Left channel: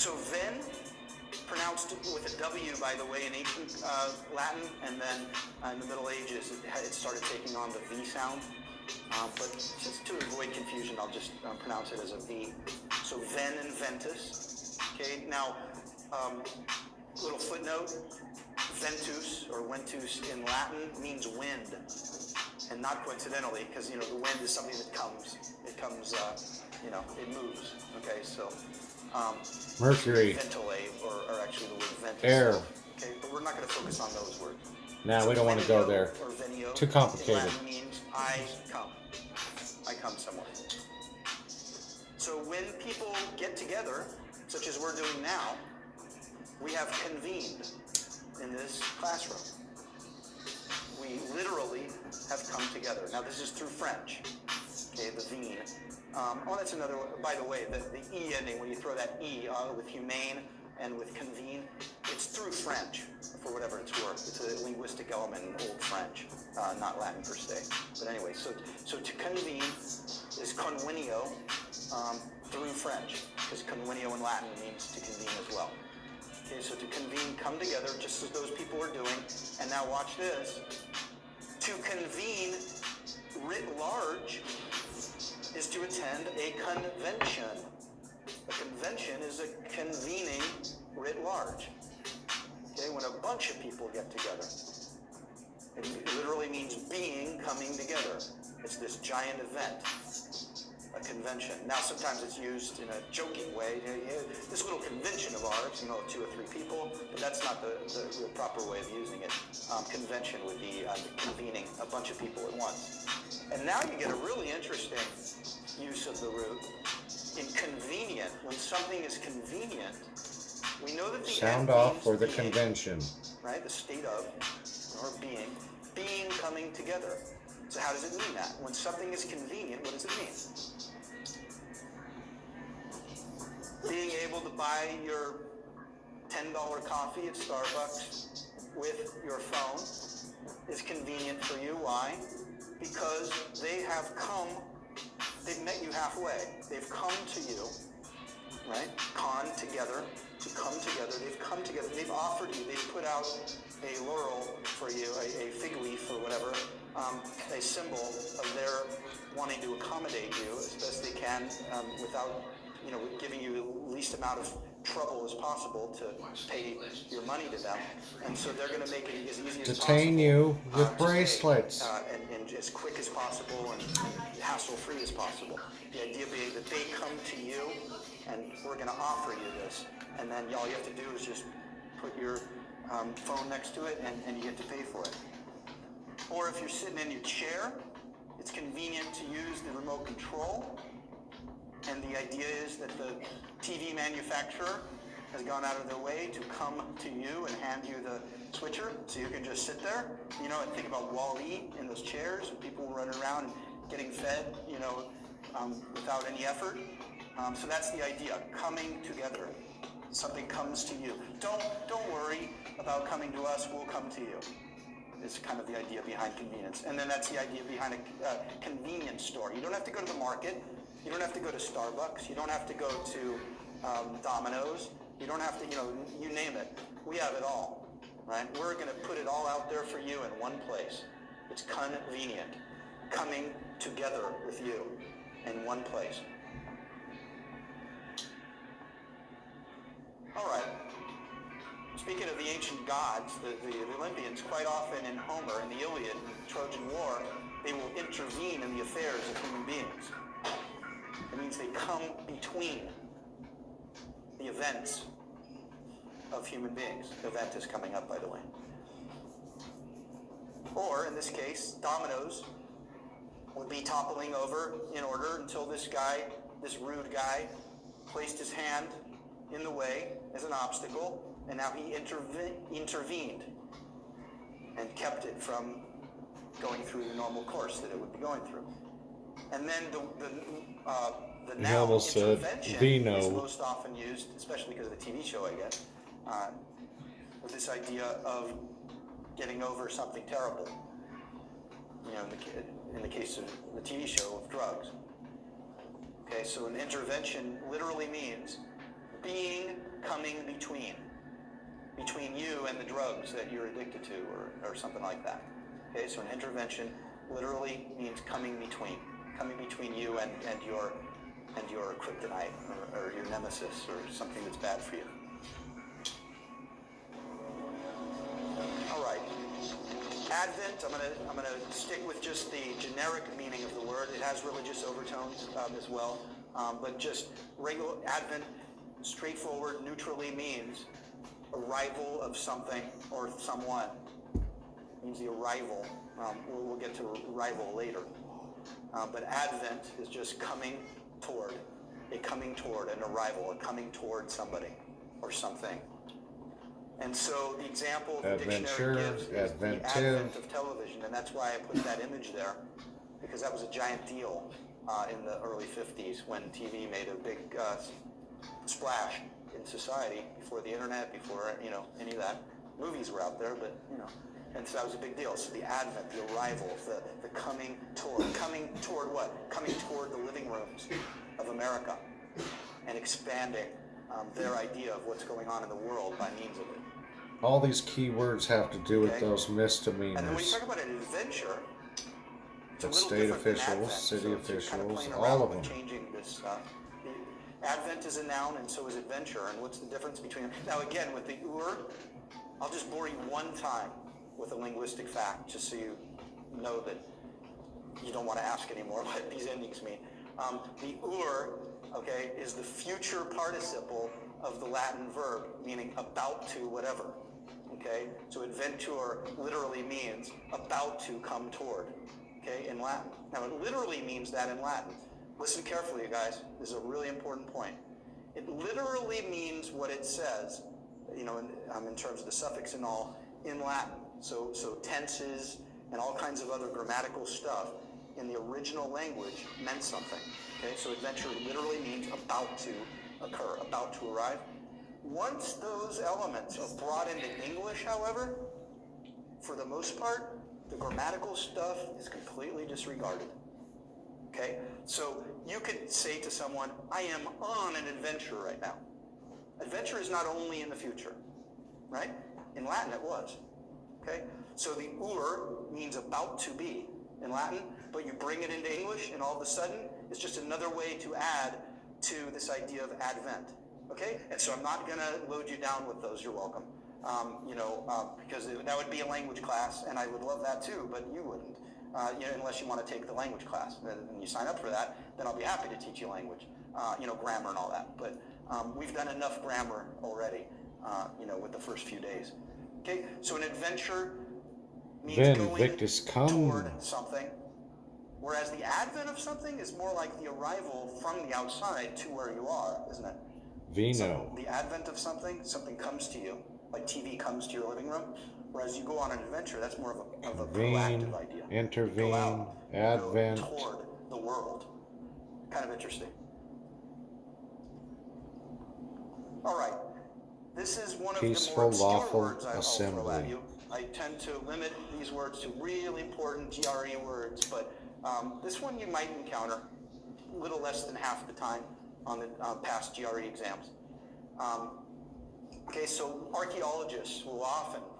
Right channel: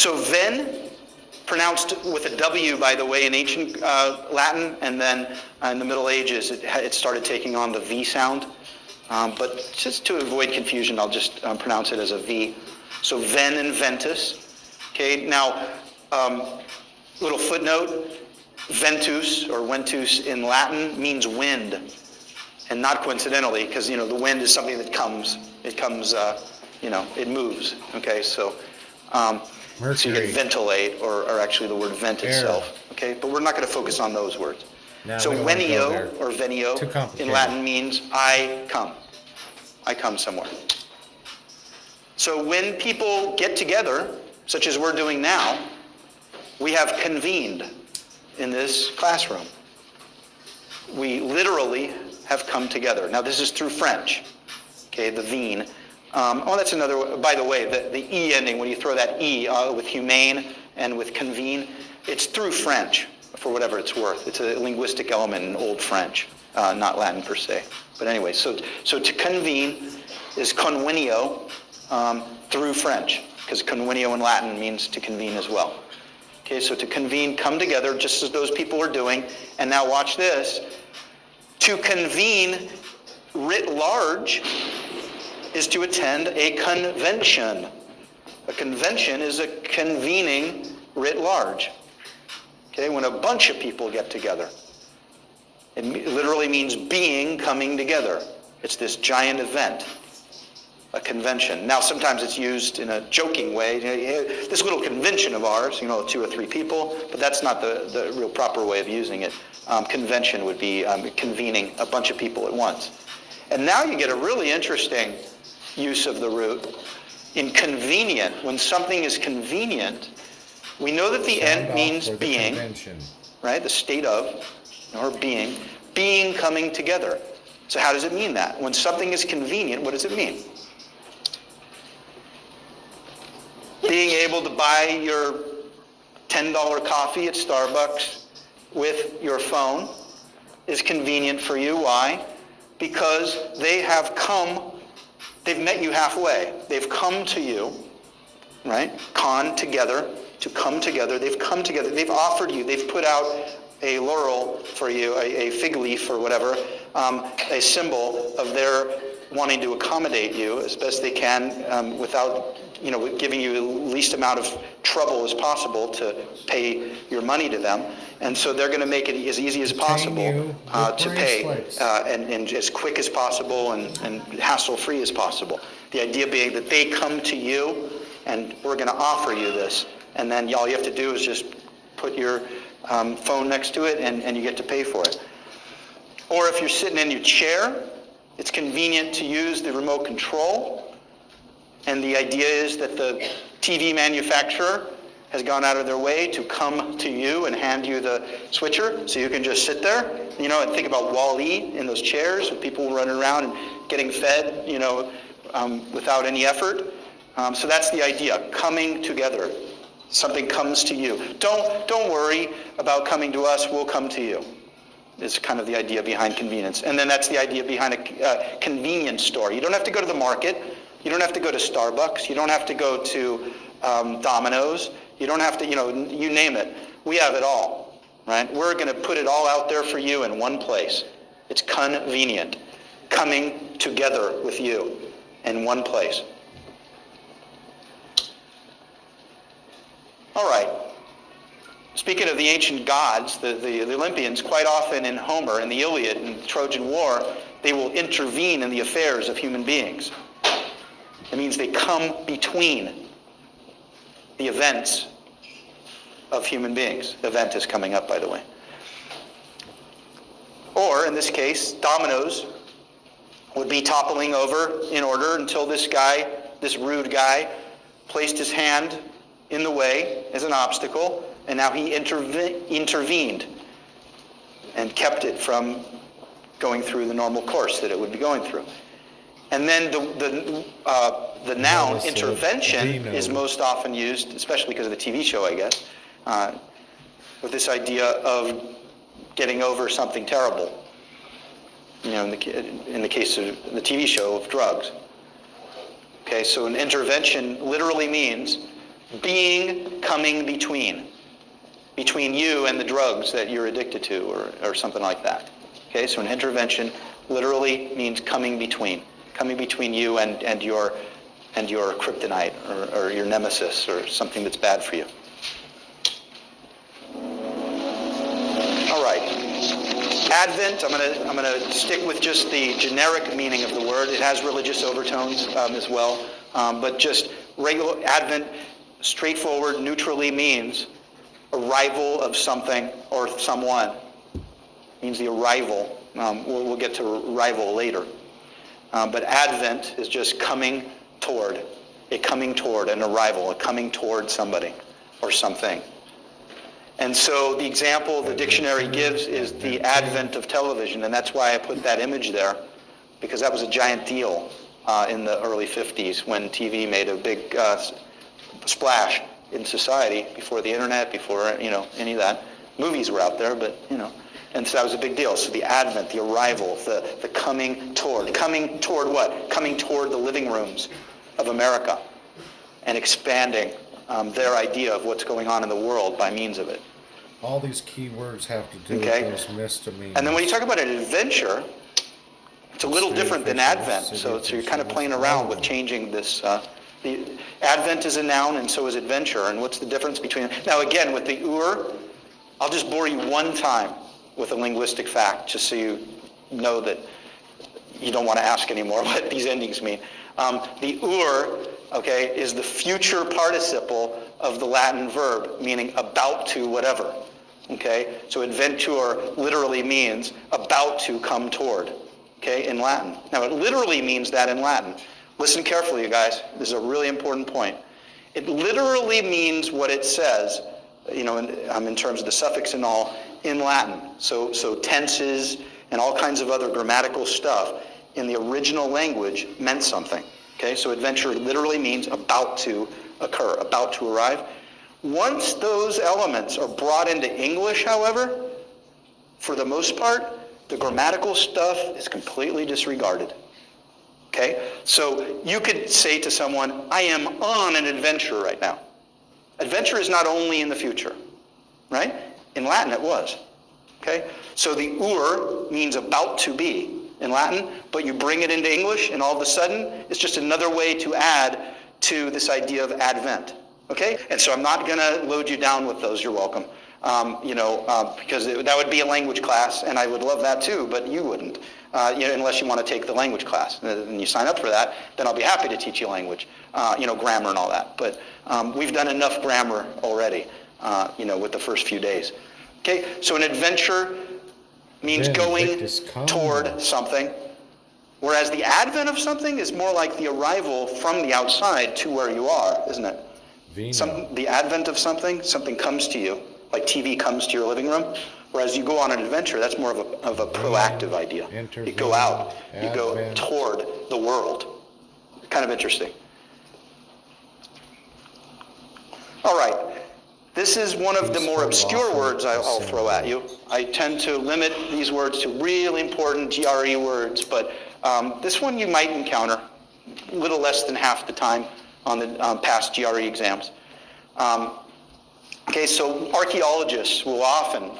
So ven, pronounced with a W, by the way, in ancient Latin, and then in the Middle Ages, it started taking on the V sound. But just to avoid confusion, I'll just pronounce it as a V. So ven and ventus. Okay, now, little footnote, ventus or ventus in Latin means wind. And not coincidentally, because, the wind is something that comes. It comes, it moves. Okay, so Mercury. Ventilate, or actually the word vent Air. itself. Okay, but we're not going to focus on those words. No, So we don't want to go there. venio or venio Too complicated. in Latin means I come. I come somewhere. So when people get together, such as we're doing now, we have convened in this classroom. We literally have come together. Now this is through French, okay, the veen. That's another, by the way, the E ending, when you throw that E with humane and with convene, it's through French, for whatever it's worth. It's a linguistic element in Old French, not Latin per se. But anyway, so to convene is convenio through French, because convenio in Latin means to convene as well. Okay, so to convene, come together, just as those people are doing. And now watch this. To convene writ large is to attend a convention. A convention is a convening writ large. Okay, when a bunch of people get together. It literally means being coming together. It's this giant event, a convention. Now sometimes it's used in a joking way. This little convention of ours, 2 or 3 people, but that's not the real proper way of using it. Convention would be convening a bunch of people at once. And now you get a really interesting use of the root. In convenient, when something is convenient, we know that the end means being, right? The state of, or being coming together. So how does it mean that? When something is convenient, what does it mean? Being able to buy your $10 coffee at Starbucks with your phone is convenient for you. Why? Because they've met you halfway. They've come to you, right? Together, to come together. They've come together. They've offered you. They've put out a laurel for you, a fig leaf or whatever, a symbol of their wanting to accommodate you as best they can without giving you the least amount of trouble as possible to pay your money to them. And so they're going to make it as easy as possible to pay and as quick as possible and hassle-free as possible. The idea being that they come to you and we're going to offer you this. And then all you have to do is just put your phone next to it and you get to pay for it. Or if you're sitting in your chair, it's convenient to use the remote control. And the idea is that the TV manufacturer has gone out of their way to come to you and hand you the switcher so you can just sit there. And think about Wall-E in those chairs with people running around and getting fed, without any effort. So that's the idea, coming together. Something comes to you. Don't worry about coming to us, we'll come to you. It's kind of the idea behind convenience. And then that's the idea behind a convenience store. You don't have to go to the market. You don't have to go to Starbucks. You don't have to go to Domino's. You don't have to, you name it. We have it all, right? We're going to put it all out there for you in one place. It's convenient. Coming together with you in one place. All right. Speaking of the ancient gods, the Olympians, quite often in Homer, in the Iliad, in the Trojan War, they will intervene in the affairs of human beings. It means they come between the events of human beings. The event is coming up, by the way. Or, in this case, dominoes would be toppling over in order until this rude guy, placed his hand in the way as an obstacle, and now he intervened and kept it from going through the normal course that it would be going through. And then the noun intervention is most often used, especially because of the TV show, I guess, with this idea of getting over something terrible. In the case of the TV show of drugs. Okay, so an intervention literally means being coming between you and the drugs that you're addicted to, or something like that. Okay, so an intervention literally means coming between you and your kryptonite or your nemesis or something that's bad for you. All right. Advent, I'm gonna stick with just the generic meaning of the word. It has religious overtones as well, but just regular Advent, straightforward, neutrally means arrival of something or someone. It means the arrival. We'll get to arrival later. But Advent is just coming toward, an arrival, a coming toward somebody or something. And so the example the dictionary gives is the advent of television, and that's why I put that image there, because that was a giant deal in the early 50s when TV made a big splash in society before the internet, before any of that. Movies were out there, but and so that was a big deal. So the advent, the arrival, the coming toward what? Coming toward the living rooms of America and expanding their idea of what's going on in the world by means of it. All these key words have to do with those misdemeanors. And then when you talk about an adventure, it's a little different than Advent. So you're kind of playing around with changing this. The Advent is a noun, and so is adventure. And what's the difference between? Now again, with the I'll just bore you one time with a linguistic fact, just so you know that you don't want to ask anymore what these endings mean. The is the future participle of the Latin verb, meaning about to whatever. Okay, so adventure literally means about to come toward. Okay, in Latin. Now it literally means that in Latin. Listen carefully, you guys. This is a really important point. It literally means what it says, in terms of the suffix and all, in Latin. So tenses and all kinds of other grammatical stuff in the original language meant something. Okay, so adventure literally means about to occur, about to arrive. Once those elements are brought into English, however, for the most part, the grammatical stuff is completely disregarded. Okay, so you could say to someone, I am on an adventure right now. Adventure is not only in the future, right? In Latin it was. Okay, so the means about to be in Latin, but you bring it into English and all of a sudden it's just another way to add to this idea of Advent. Okay, and so I'm not going to load you down with those. You're welcome. Because that would be a language class, and I would love that too, but you wouldn't, unless you want to take the language class. And you sign up for that, then I'll be happy to teach you language, grammar and all that. But we've done enough grammar already, with the first few days. Okay, so an adventure means going toward something, whereas the advent of something is more like the arrival from the outside to where you are, isn't it? The advent of something comes to you, like TV comes to your living room, whereas you go on an adventure, that's more of a proactive idea. You go out, you go toward the world. Kind of interesting. All right, this is one of the more obscure words I'll throw at you. I tend to limit these words to really important GRE words, but this one you might encounter a little less than half the time on the past GRE exams. So archaeologists will often,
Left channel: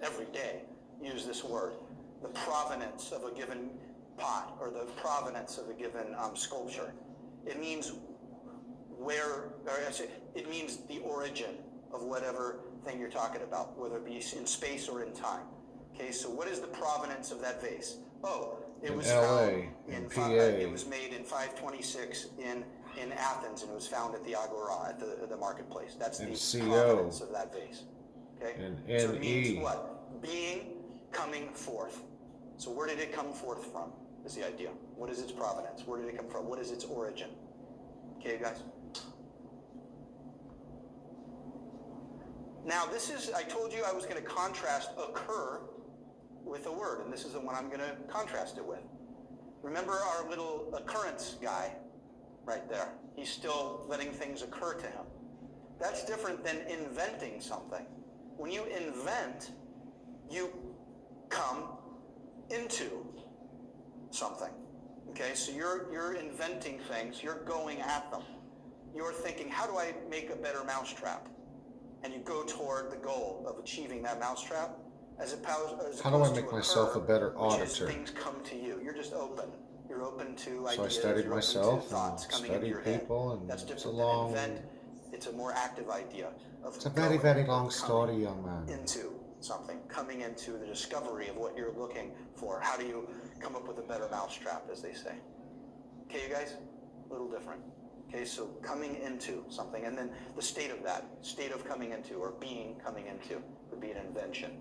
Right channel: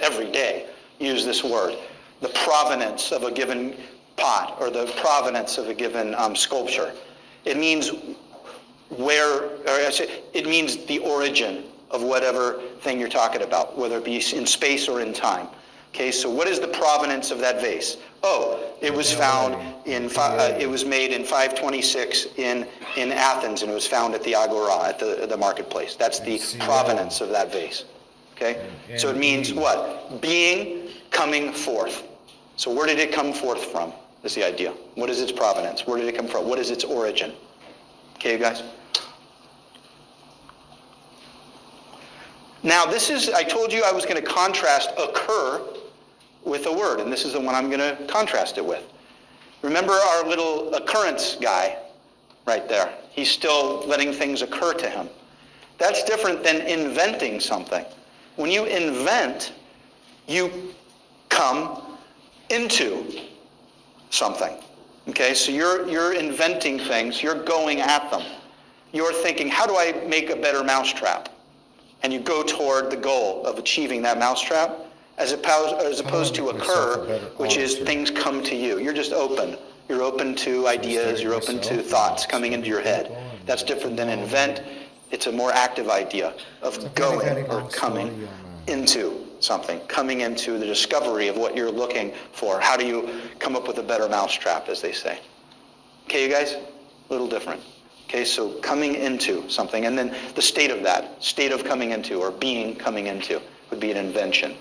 every day, use this word, the provenance of a given pot or the provenance of a given sculpture. It means it means the origin of whatever thing you're talking about, whether it be in space or in time. Okay, so what is the provenance of that vase? Oh, it was found it was made in 526 in Athens, and it was found at the Agora, at the marketplace. That's the provenance of that vase. Okay, so it means what? Coming forth. So where did it come forth from? Is the idea. What is its provenance? Where did it come from? What is its origin? Okay, you guys? Now I told you I was going to contrast occur with a word, and this is the one I'm going to contrast it with. Remember our little occurrence guy right there? He's still letting things occur to him. That's different than inventing something. When you invent, you come into something. Okay, so you're inventing things, you're going at them. you're thinking, how do I make a better mousetrap? And you go toward the goal of achieving that mousetrap, as opposed to make myself occur, a better which is auditor? things come to you. You're just open. You're open to I ideas, study you're open myself to and thoughts coming into study your head. people and That's different than along. invent. It's a more active idea It's a of very, going very or long coming story on that. into something, coming into the discovery of what you're looking for. How do you come up with a better mousetrap, as they say? Okay, you guys? A little different. Okay, so coming into something, and then the state of that, state of coming into, or being coming into, would be an invention.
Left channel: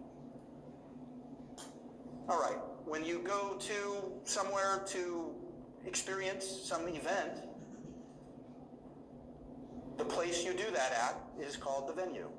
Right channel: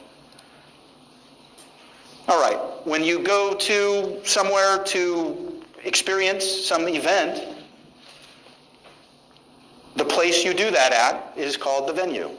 All right, when you go to somewhere to experience some event, the place you do that at is called the venue.